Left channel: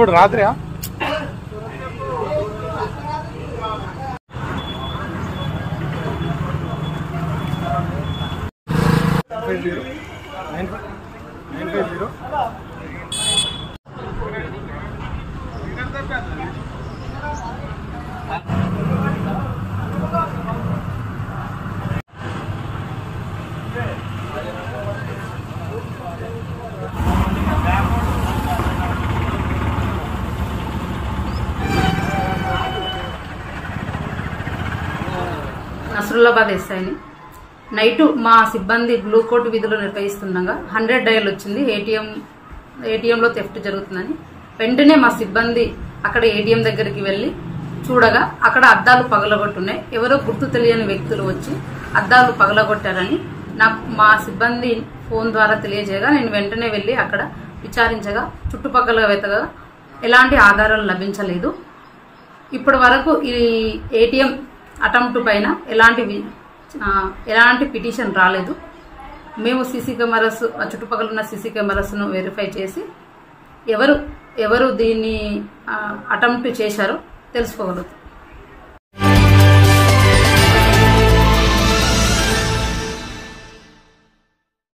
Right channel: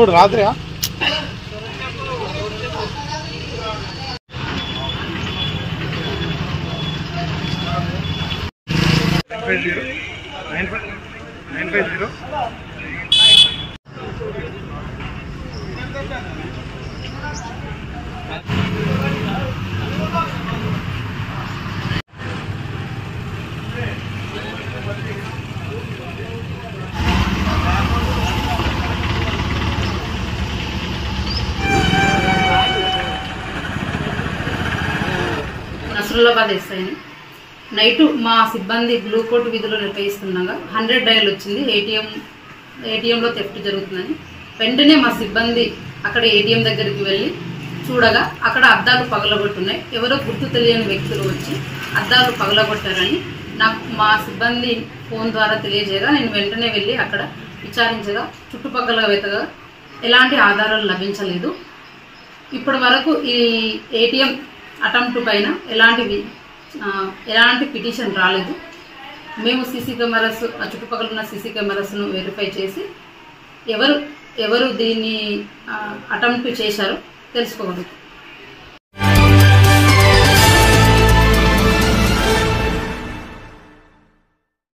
ఎప్పుడు రాత్రి 950 నసరుల్లాబాద్ ఎస్ఐని నైట్ మా సిబ్బంది బ్లూ కోట్ విధులు నిర్వహిస్తుండగా 100 డయల్ వచ్చింది. ఏటీఎంలో థెఫ్ట్ జరుగుతుందని వెంటనే మా సిబ్బంది అక్కడ ఏటీఎం దగ్గరికి వెళ్ళి చూడగా అక్కడ అద్దాలు పగలగొట్టున్నాయి. ఎవరో గుర్తు తెలియని వ్యక్తులు వచ్చి అద్దాలు పగలగొట్టారని మా సిబ్బంది ఫోన్ ద్వారా తెలియజేయగా నేను వెంటనే వెళ్ళి అక్కడ విచారించగా చుట్టుపక్కల వెతగా ఎలాంటి ఆధారాలు లభించలేదు. ఇప్పటి వరకు ఈ ఏటీఎం అటెంప్ట్ పైన ఎలాంటి పిటిషన్ రాలేదు. మేము సీసీ కెమెరాస్ చుట్టుపక్కల ఉన్న సీసీ కెమెరాస్ను వెరిఫై చేసి ఎవరు దీన్ని అటెంప్ట్ చేశారో తెలుసుకోగలుగుతాం.